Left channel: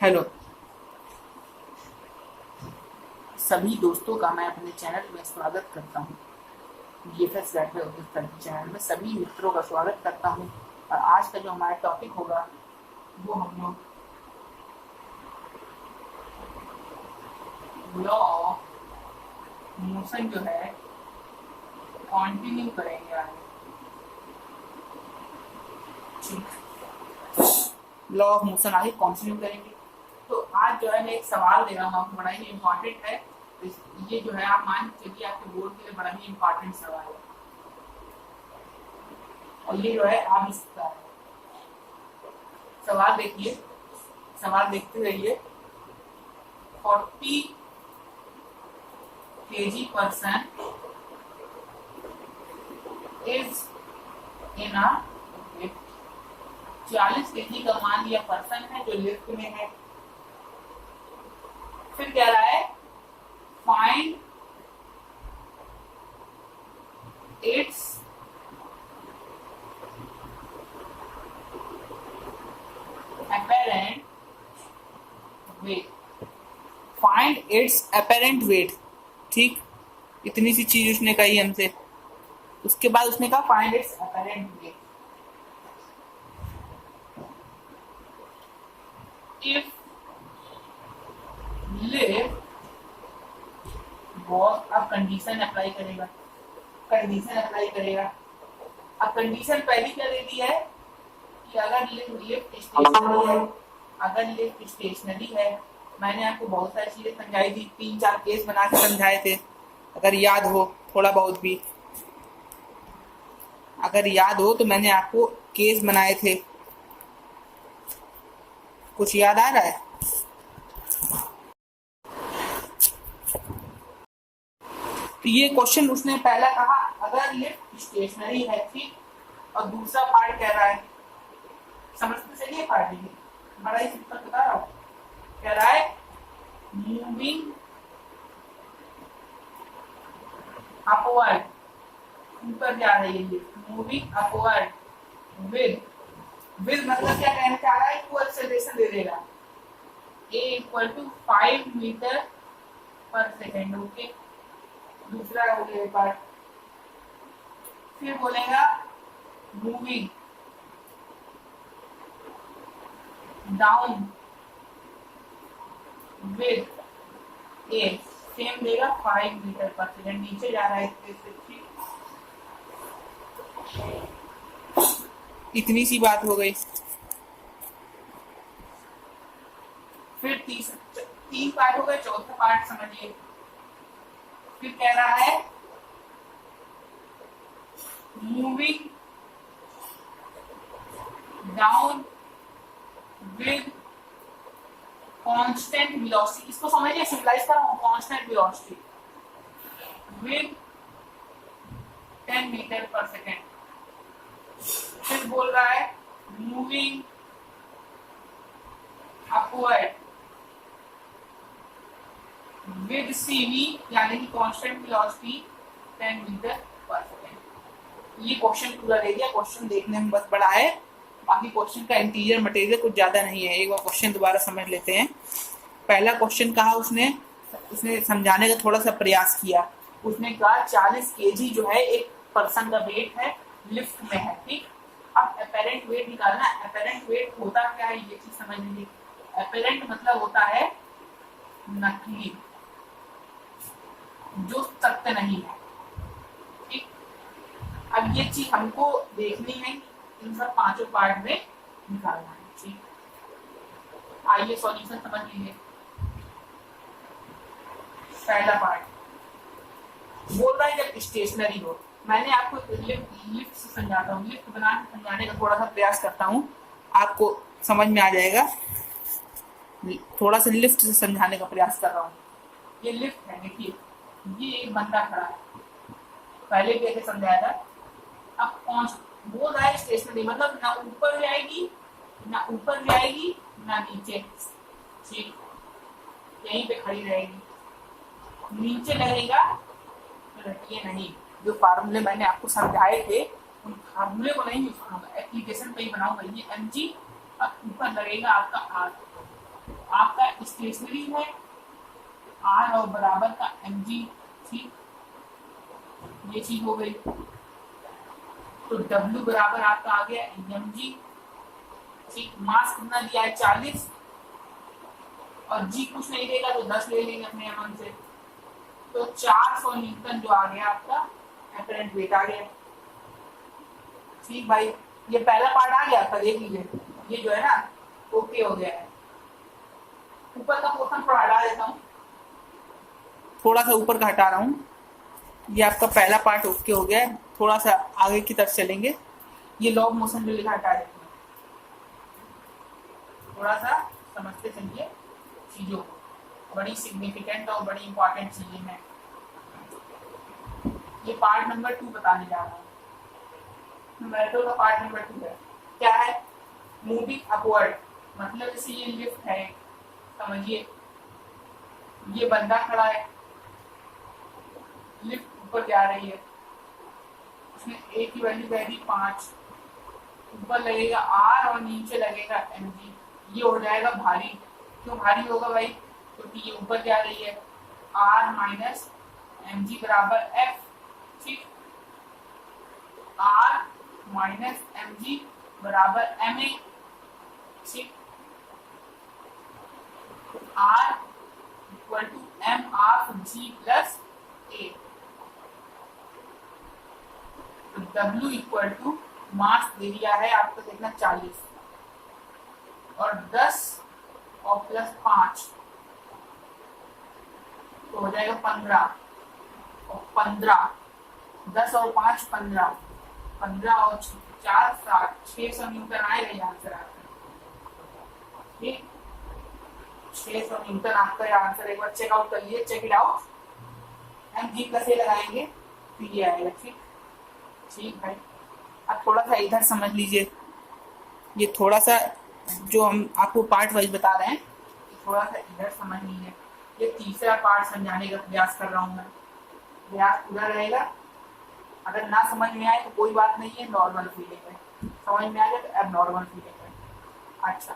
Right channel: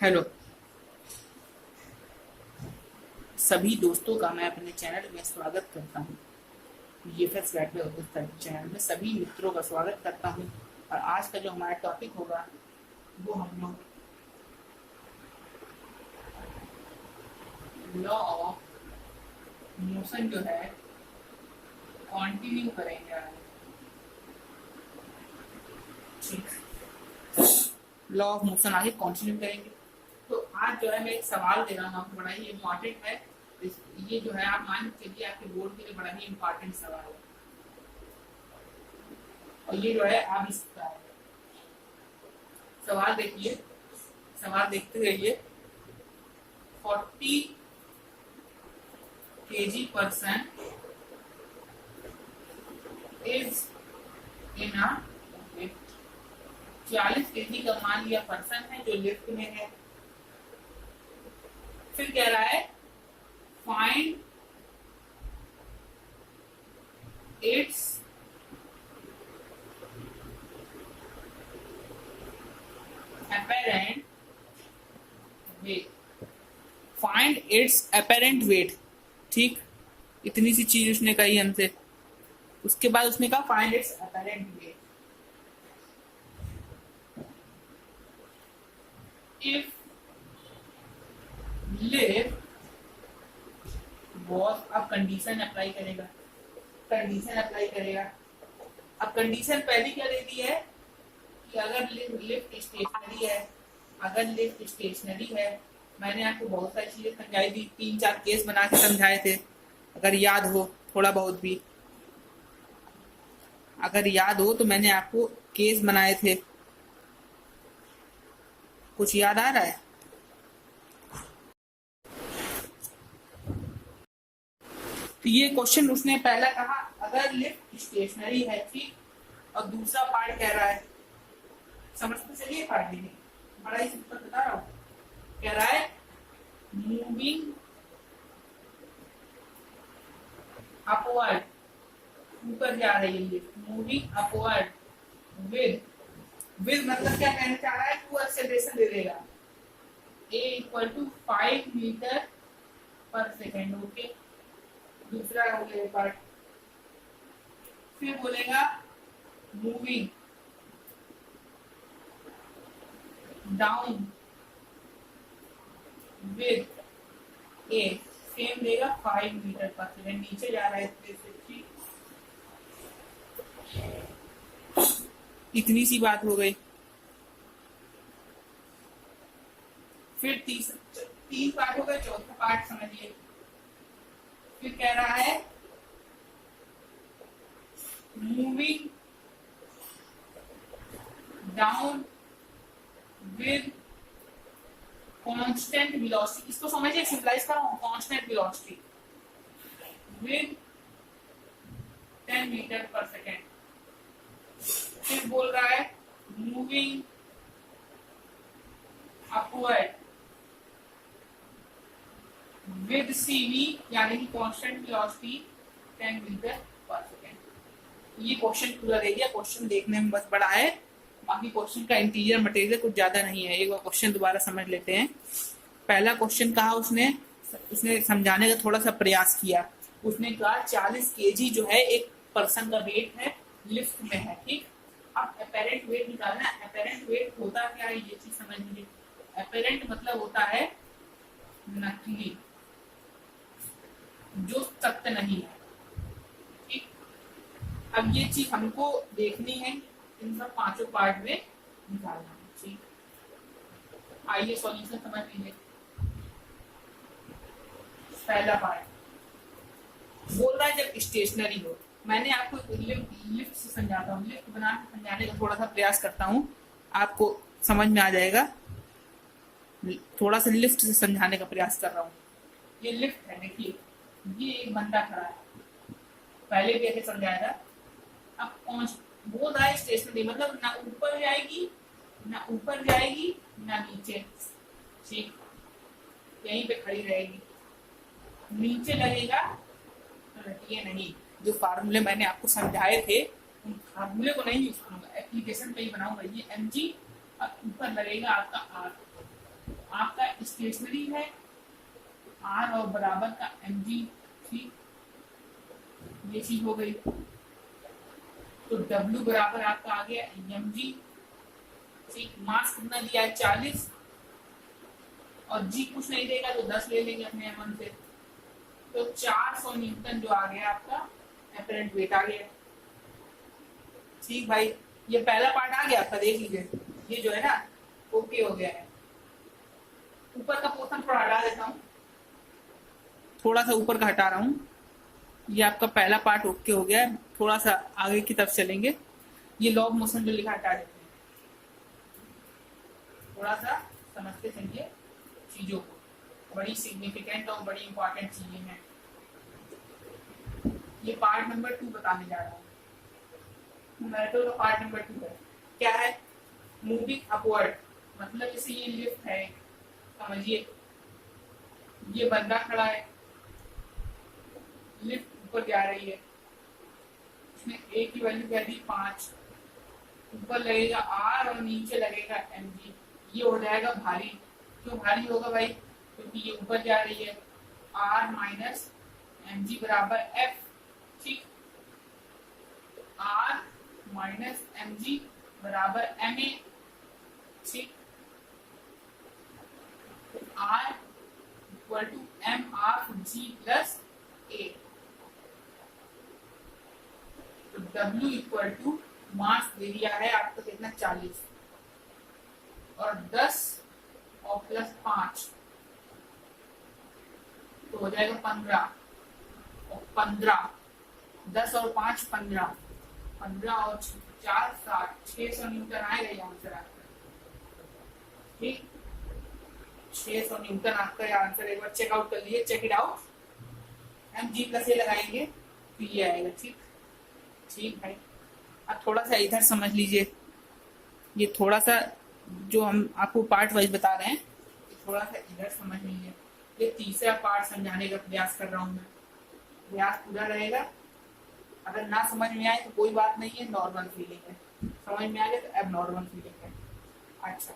Hello सभी दोस्तों का मैं अपने चैनल में स्वागत करता हूँ। जीएफएस गाइड चैनल में सभी मित्रों का स्वागत करता हूँ। और आज का जो हमारा टॉपिक होगा वो हम लोग लॉ ऑफ मोशन जो है कंटिन्यू करेंगे आगे। लॉ ऑफ मोशन आगे कंटिन्यू करेंगे। तो आज जो है मैं एक सवाल दे रहा हूँ आपको, बड़ा ही इम्पोर्टेंट है। ये जो है आप मान के चलिए आपके बोर्ड के लिए बड़ा ही इम्पोर्टेंट सवाल है और ये जो है आ भी सकता है। सवाल देखिए, सवाल देखते रहिए। 40 kg person is in a 40 kg का मान लिया पर्सन है जो लिफ्ट में है। फिर कह रहा है find its apparent weight। Find its apparent weight। ठीक, इतनी सी चीज उसने कही हमसे। उसके बाद उसने कहा find its apparent weight। if lift was, अब कंडीशन अप्लाई करेगा, कंडीशन अप्लाई करेगा। अब कंडीशन पहली क्या दे दी है कि अगर लिफ्ट स्टेशनरी है, अगर लिफ्ट स्टेशनरी है। मैंने आपको बहुत सारी चीजें समझाई थी, 3-4 केस बना के समझाए थे, अगर याद हो थोड़ा बहुत भी। अगर याद हो तो मैंने आपको केस बनाए थे, कुछ याद आ रहा है? तो ये क्वेश्चन उसने पहला कहा अगर लिफ्ट स्टेशनरी है, ठीक। और दूसरा पार्ट कह रहा है, समझते चलिए पार्ट ये बड़ा ही सिंपल बता रहा हूं। कह रहा है मूविंग अपवर्ड, ऊपर जा रही है लिफ्ट, मूविंग अपवर्ड विद मतलब क्या कहना चाह रहा है, टू एक्सेलरेशन दे देगा a = 5 मीटर पर सेकेंड। ओके, दूसरा हो गया पार्ट। फिर बोलेगा moving down with A, same देगा 5 मीटर पर सेकेंड, नीचे जा रहा है। इतनी सी बात हो गई। फिर 3 पार्ट हो गए, चौथा पार्ट समझिए। फिर कह रहा है moving down with constant velocity. इसको समझिए, सिंपलाइज कर रहा हूं, कांस्टेंट वेलोसिटी विद 10 मीटर पर सेकेंड। फिर बोल रहा है मूविंग अपवर्ड विद सीवी यानी कि कांस्टेंट वेलोसिटी 10 मीटर पर सेकेंड। ये क्वेश्चन पूरा दे दिया। क्वेश्चन देखने में बस बड़ा है, बाकी क्वेश्चन का इंटीरियर मटेरियल कुछ ज्यादा नहीं है। एक बार क्वेश्चन दोबारा समझ लेते हैं। पहला क्वेश्चन कहा उसने समझाने का थोड़ा सा प्रयास किया। उसने कहा 40 kg जो है एक पर्सन का वेट है, लिफ्ट में है, ठीक। अब अपेरेंट वेट निकालना। अपेरेंट वेट होता क्या है ये चीज समझ लीजिए। अपेरेंट मतलब होता है नकली, जो सत्य नहीं है, ठीक। अब ये चीज हमको देखनी है, इन सब 5 पार्ट में निकालना है, ठीक। आइए सॉल्यूशन समझ लीजिए। पहला पार्ट बोल रहा है जब स्टेशनरी हो। मैंने आपको लिफ्ट से समझाता हूँ, लिफ्ट समझाने का थोड़ा सा प्रयास करता हूँ, आपको समझ में आ जाएगा। थोड़ा सा लिफ्ट से समझाने का प्रयास कर रहा हूँ। ये लिफ्ट है, देखिए ये एक बंदा खड़ा है, पहले कैसे समझाया था। अब बोल रहा है स्टेशनरी मतलब ना ऊपर जाएगी ना ऊपर जाएगी ना नीचे, ठीक, यहीं पे खड़ी रहेगी। नीचे लगेगा तो रटिए नहीं। जो फार्मूले मैंने आपको समझाए थे उन फार्मूले को नहीं यूज करूंगा, एप्लीकेशन पे ही बनाऊंगा। ये mg और ऊपर लगेगा आपका r, आपका स्टेशनरी है आर और बराबर का एम जी, ठीक, ये चीज हो गई। तो डब्ल्यू बराबर आपका आ गया एम जी, ठीक, मास कितना दिया है 40, और जी कुछ नहीं देगा तो 10 ले लेंगे अपने एम से। तो 400 न्यूटन जो आ गया आपका एपरेंट वेट आ गया। ठीक भाई, ये पहला पार्ट आ गया आपका, देख लीजिए, ये जो है ना ओके हो गया है। ऊपर का पोर्शन थोड़ा हटा देता हूँ, थोड़ा सा ऊपर का हटा रहा हूँ। ये आपका पहला पार्ट ओके हो गया है। थोड़ा सा आगे की तरफ चलेंगे, ये लॉग मोशन जो लिखा हटा देते हैं, थोड़ा सा समझते चलिए चीजों को, बड़ी सिग्निफिकेंट और बड़ी इंपॉर्टेंट चीजें हैं। ये पार्ट नंबर 2 बताने जा रहा हूँ। मेट्रो का पार्ट नंबर 2 है, क्या है, मूविंग अपवर्ड, मतलब जैसे ये लिफ्ट है, समझिए ये बंदा खड़ा है, लिफ्ट ऊपर जा रही है, उसमें ए की वैल्यू कह दी 5, ऊपर लगेगा आर और नीचे लगेगा एम जी, ये हो जाएगा भारी। क्यों भारी होगा भाई, क्योंकि ये ऊपर जा रही है। आर माइनस एम जी बराबर एफ, ठीक, आर माइनस एम जी बराबर एम ए, ठीक, R equal to M R G plus A. W equal to mass दे दिया है आपका कितना 40, और 10 और प्लस 5 तो हो जाएगा 15, और 15, 10 और 5 15, 15 और 4 7, 600 न्यूटन आएगा ये आंसर आपका। ठीक, 600 न्यूटन आपका ये आंसर, एक बार चेकआउट कर लिए, check it out. M G plus A लगाएंगे तो ये आएगा। ठीक, ठीक भाई, अब थोड़ा सा इधर समझ लीजिए, ये थोड़ा सा जो हम आपको पार्ट वाइज बता रहे हैं, थोड़ा सा इधर समझ लीजिए। ये तीसरा पार्ट समझाने का प्रयास कर रहा हूँ मैं, प्रयास पूरा रहेगा। अगर ना समझ में आए तो कोई बात नहीं है, नॉर्मल फीलिंग है, समझ में आ गया तो अब नॉर्मल फीलिंग है। अच्छा,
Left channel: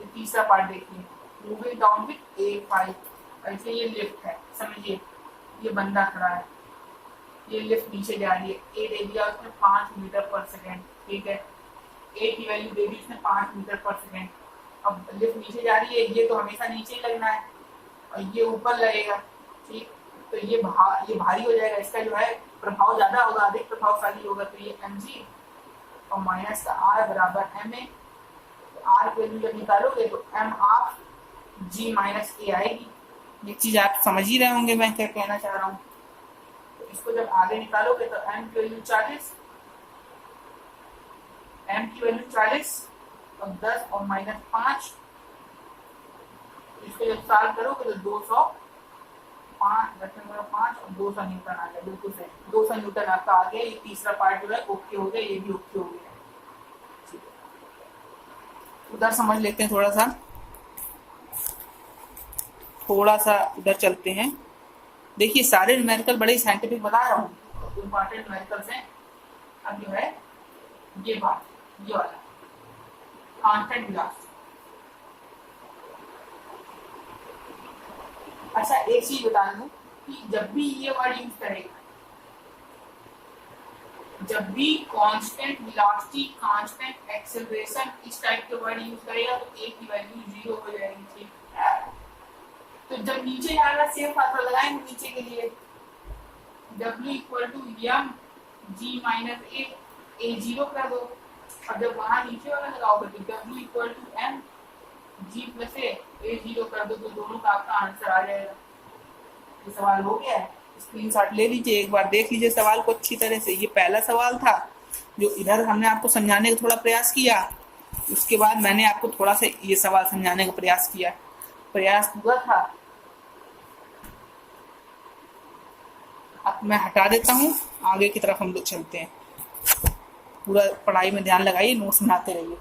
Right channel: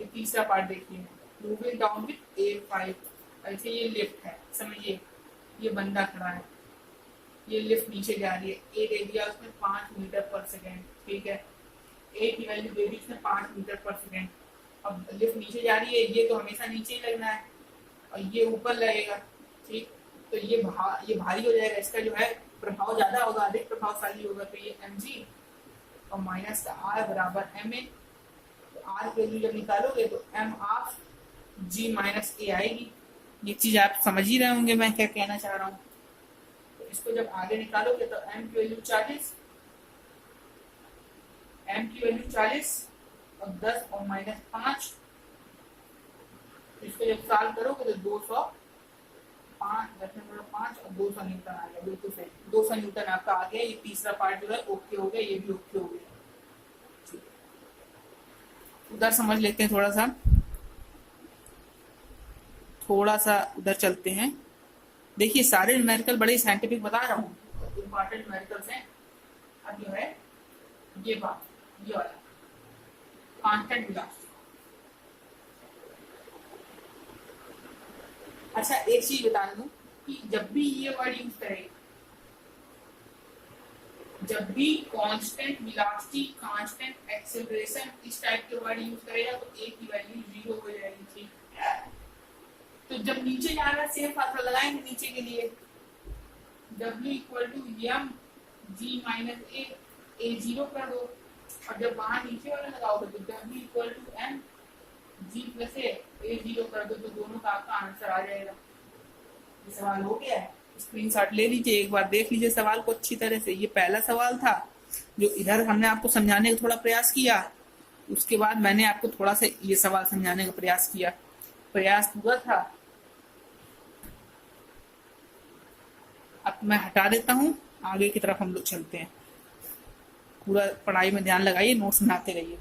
ये तीसरा पार्ट देखिए, मूविंग डाउन विथ A5, ऐसे ये लिफ्ट है, समझिए ये बंदा खड़ा है, ये लिफ्ट नीचे जा रही है, ए दे दिया उसने 5 मीटर पर सेकेंड, ठीक है, ए की वैल्यू दे दी उसने 5 मीटर पर सेकेंड। अब लिफ्ट नीचे जा रही है, ये तो हमेशा नीचे ही लगना है, और ये ऊपर लगेगा, ठीक, तो ये भारी हो जाएगा, इसका जो है प्रभाव ज्यादा होगा, अधिक प्रभावशाली होगा, तो ये एम जी और माइनस का आर बराबर एम ए। तो आर की वैल्यू जब निकालोगे तो एम आर जी माइनस ए आएगी। ये चीज आप समझ ही रहे होंगे मैं क्या कहना चाह रहा हूँ। तो इसको जब आगे निकालोगे तो एम की वैल्यू 40, एम की वैल्यू 40 और 10 और माइनस 5, तो इसको जब सॉल्व करोगे तो 5 और 200 न्यूटन आ गया, बिल्कुल सही, 200 न्यूटन आपका आ गया। ये तीसरा पार्ट जो है ओके हो गया, ये भी ओके हो गया। उधर समझ लेते हैं, थोड़ा सा उधर चलते हैं। देखिए सारे न्यूमेरिकल बड़े साइंटिफिक बता रहा हूँ, इम्पोर्टेंट न्यूमेरिकल्स हैं। अब जो है ये बात, ये वाला कांस्टेंट वेलोसिटी। अच्छा एक चीज बता दूं कि जब भी ये वर्ड यूज करेगा, जब भी कांस्टेंट वेलोसिटी, कांस्टेंट एक्सेलरेशन, इस टाइप के वर्ड यूज करेगा तो ए की वैल्यू 0 हो जाएगी। ठीक, तो जब नीचे जाना सेम फार्मूला लगाएंगे नीचे के लिए, W equal to M G minus A 0 कर दो, और जब वहां नीचे वाला लगाओगे तो W equal to M G plus A 0 कर दो, तो दोनों का आपका आंसर आ जाएगा। ये सवाल हो गया है, स्क्रीनशॉट ले लीजिए, एक बार देख लीजिए सवाल को अच्छी तरह से। ये पहला सवाल था जो इधर हमने आपको समझाने का थोड़ा प्रयास किया, उसके बाद मैंने आपको थोड़ा सा ये सवाल समझाने का प्रयास किया, प्रयास पूरा था। अब मैं हटा देता हूँ, आगे की तरफ हम लोग चलते हैं। पूरा पढ़ाई में ध्यान लगाइए, नोट्स बनाते रहिए।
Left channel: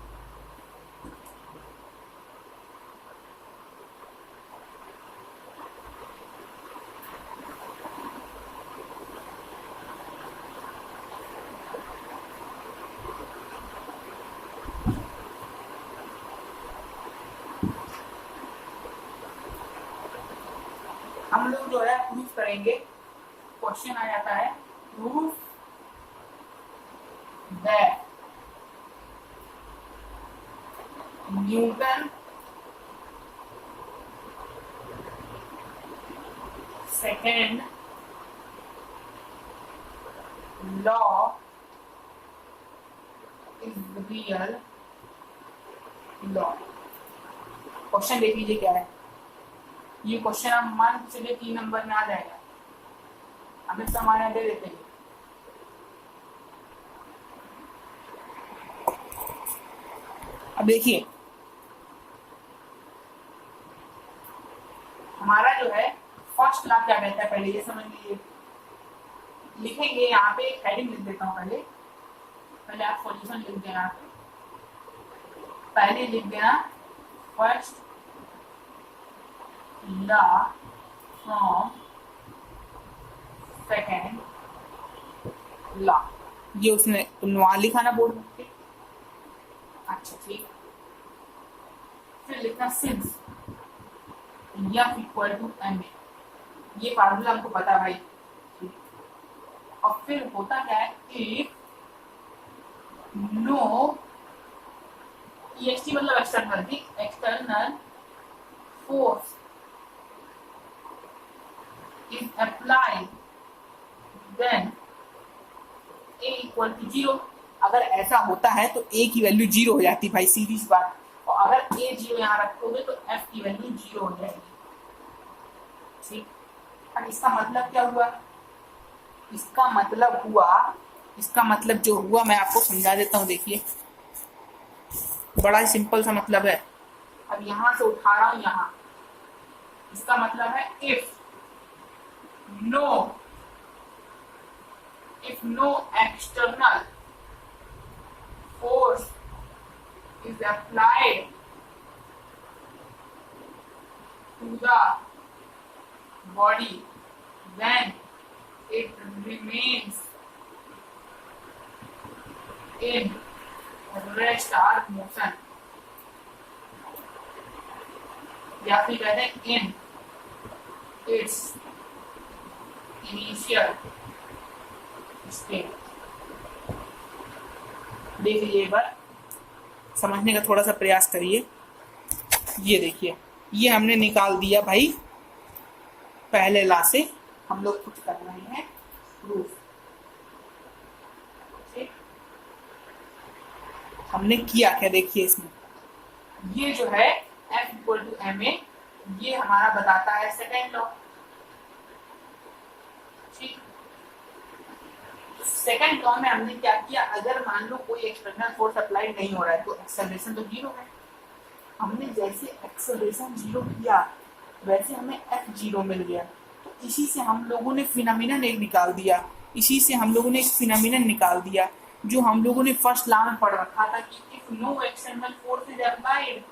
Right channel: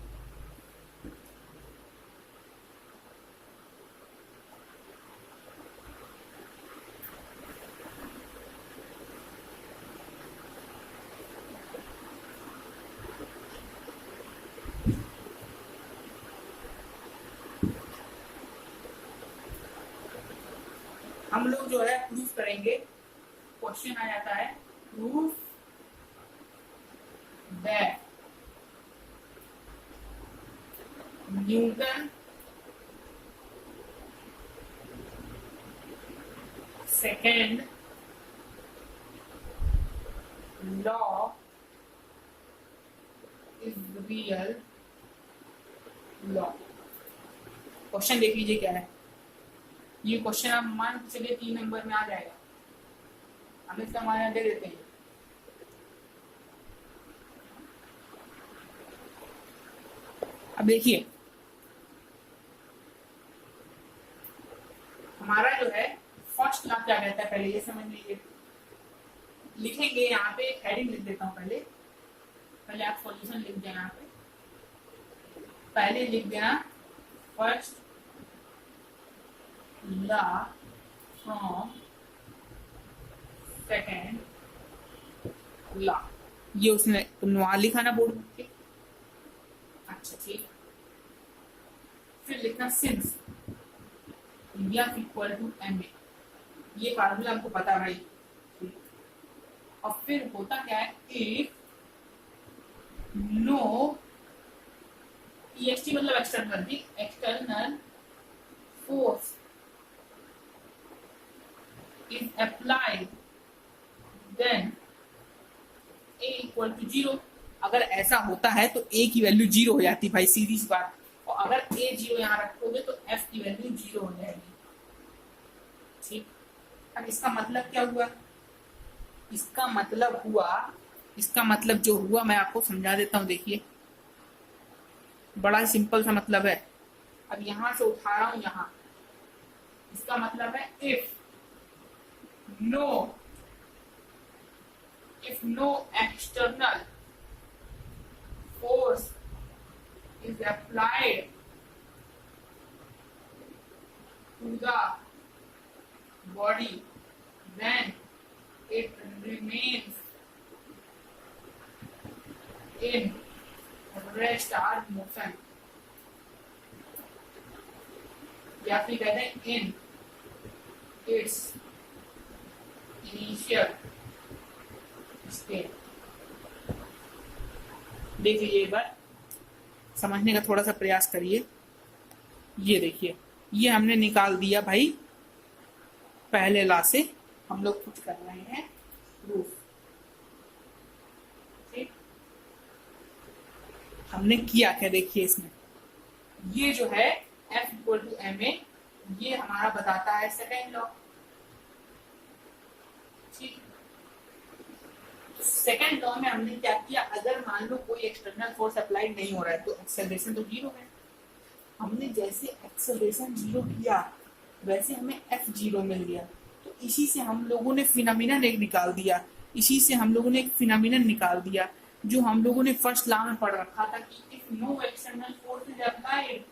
जो है प्रूफ करेंगे, क्वेश्चन आ जाता है proof that Newton second law is real law. Question देख लीजिए क्या है। ये क्वेश्चन आप मान के चलिए 3 नंबर में आ जाएगा, हम इसका मान यहाँ दे देते हैं। अब देखिए हमारा जो है फर्स्ट लॉ क्या कहता है, पहले ये समझ लीजिए। लिखेंगे यहाँ पे, एक हेडिंग लिख देता हूँ पहले आप सॉल्यूशन लिख देना। पहले लिख देना first law from second law, ये उसमें वहां लिखा ना बोर्ड में। अच्छा ठीक, फिर लिखना since F equal to m a, ये फार्मूला हमको पता है भाई। और फिर होता क्या है, इफ नो EXT मतलब एक्सटर्नल थी, external force is applied then A equal to 0। अगर ऐसा होता है तो A की वैल्यू 0 हो जाती भाई, सीधी सी बात। और अगर A 0 यहाँ रखोगे तो F की वैल्यू 0 हो जाएगी। ठीक, अब इसका मतलब क्या हुआ, इसका मतलब जो हुआ मैं आपको समझा देता हूँ। देखिए बड़ा ही सिंपल सा मतलब है। अब यहां से उठा रहा हूं यहां, इसका मतलब है if no external force is applied to the body, then it remains in rest or motion, या फिर कहते हैं in its initial state। देख लीजिए एक बार, समझने का थोड़ा सा प्रयास करिए। ये देखिए, ये हमने निकाल दिया भाई पहले लॉ से, हम लोग कुछ कर रहे हैं प्रूफ। ठीक, हमने किया क्या, देखिए इसमें ये जो है F equal to m a, ये हमारा बताता है सेकेंड लॉ। ठीक, सेकेंड लॉ में हमने क्या किया, अगर मान लो कोई एक्सटर्नल फोर्स अप्लाई नहीं हो रहा है तो एक्सेलरेशन तो 0 है। हमने जैसे एक्सेलरेशन 0 किया वैसे हमें F 0 मिल गया। तो इसी से हम लोगों ने फिनोमिनन निकाल दिया, जो हम लोगों ने फर्स्ट लॉ में पढ़ रखा था कि if no external force is applied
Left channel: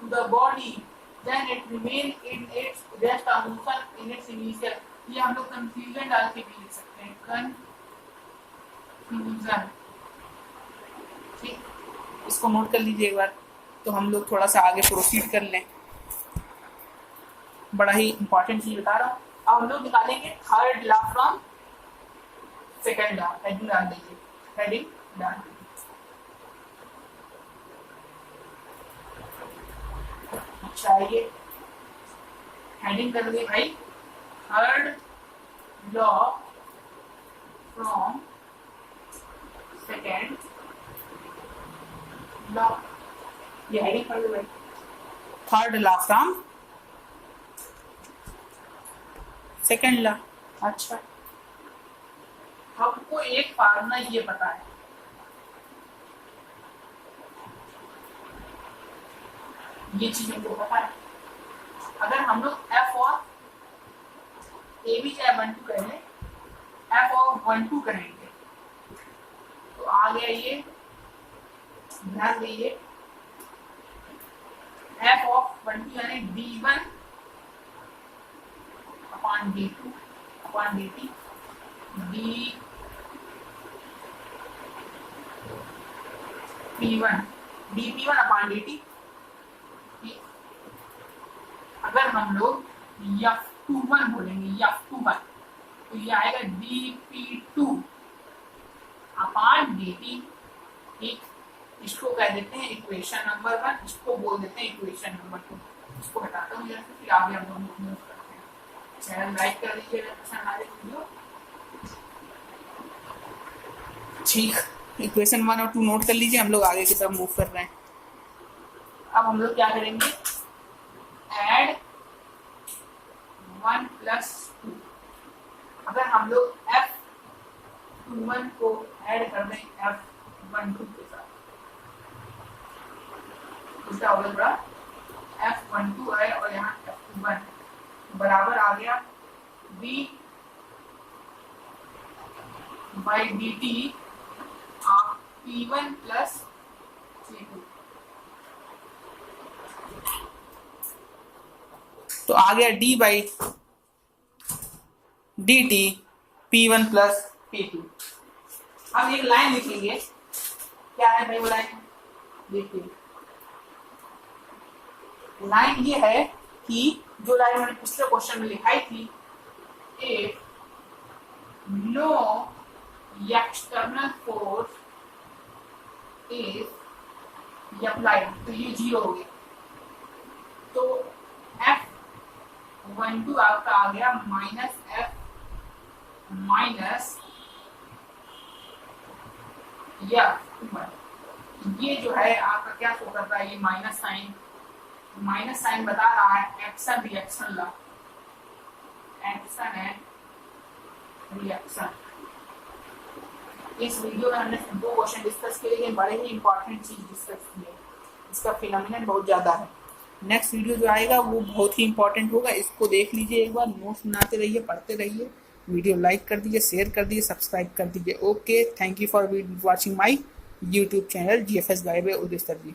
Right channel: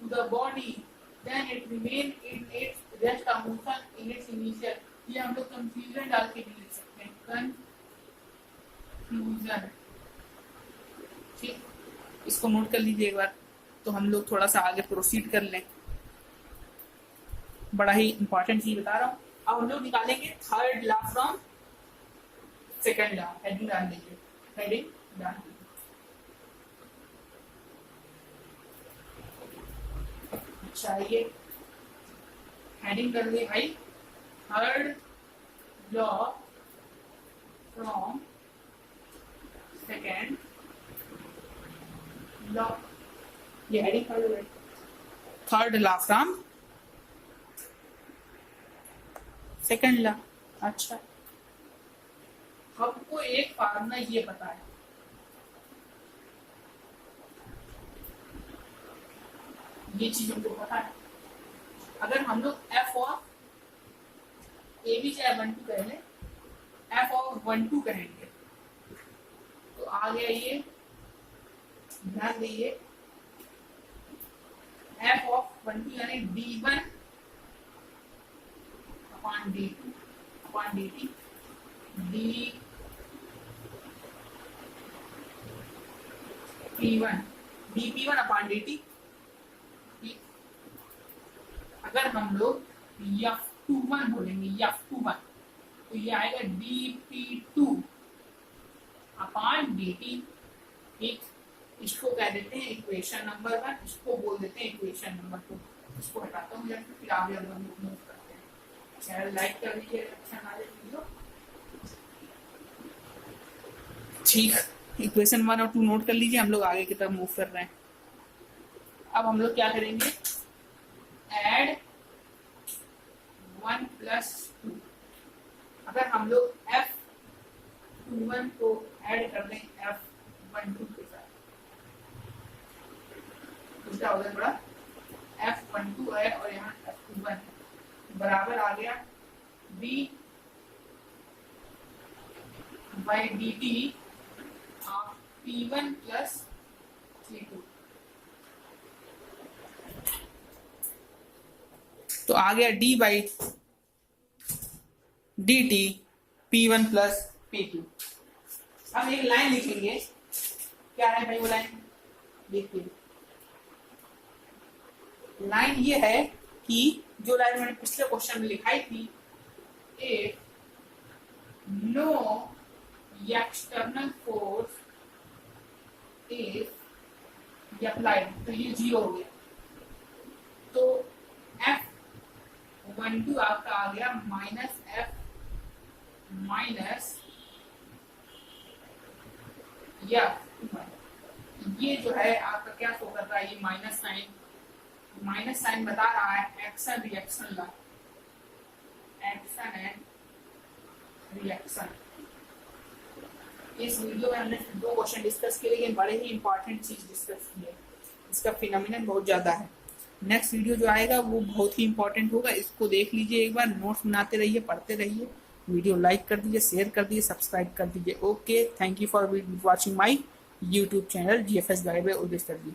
to the body then it remain in its rest और मोशन इन इट्स इनिशियल। ये हम लोग कंफ्यूजन डाल के भी लिख सकते हैं, कंफ्यूजन। ठीक, इसको नोट कर लीजिए एक बार, तो हम लोग थोड़ा सा आगे प्रोसीड कर लें। बड़ा ही इंपॉर्टेंट चीज बता रहा हूँ। अब हम लोग निकालेंगे third law from second law. Heading डाल दीजिए, हेडिंग डाल दीजिए। अच्छा, ये हेडिंग कर दिए भाई, third law from second law. ये हेडिंग कर दो भाई, third law from second law. अच्छा, हमको एक फार्मूला ये पता है, ये चीज हमको पता है। अगर हम लोग F ऑफ ए भी चाहे 1 2 कह लें, F ऑफ 1 2 करेंगे तो आ गया ये, ध्यान दीजिए, F ऑफ 1 2 यानी D1 upon D2 upon DT, dP1 upon DT। अगर हम लोग F F21 बोलेंगे, F21, तो ये आएगा dP2 अपॉन dt। ठीक, इसको कह देते हैं इक्वेशन नंबर 1, इसको बोल देते हैं इक्वेशन नंबर 2। इसको हटाता हूँ यहाँ से, फिर आगे हम लोग मूव करते हैं। चैनल लाइक कर दीजिएगा, अच्छा हमारे वीडियो। ठीक, इक्वेशन 1 और 2 नोट कर लीजिए, हम लोग आगे की तरफ मूव कर रहे हैं। अब हम लोग क्या करेंगे, ऐड 1 + 2। अगर हम लोग F21 को ऐड कर दें F12 के साथ, तो क्या हो जाएगा, F12 है और यहाँ F21 बराबर आ गया d/dt ऑफ P1 + P2। तो आ गया d/dt P1 + P2। अब एक लाइन लिखेंगे, क्या है भाई वो लाइन, देखिए लाइन ये है कि जो लाइन मैंने पिछले क्वेश्चन में लिखाई थी, if no external force is applied, तो ये 0 हो गया। तो F12 आपका आ गया -F माइनस ये जो है आपका क्या शो करता है, ये माइनस साइन बता रहा है action reaction law, action and reaction. इस वीडियो में हमने 2 क्वेश्चन डिस्कस किए, लेकिन बड़े ही इंपॉर्टेंट चीज डिस्कस किए, इसका फिनोमिनन बहुत ज्यादा है। नेक्स्ट वीडियो जो आएगा वो बहुत ही इंपॉर्टेंट होगा, इसको देख लीजिए एक बार, नोट्स बनाते रहिए, पढ़ते रहिए, वीडियो लाइक कर दीजिए, शेयर कर दीजिए, सब्सक्राइब कर दीजिए। Okay, thank you for watching my YouTube channel GFS guide by Uday sir ji.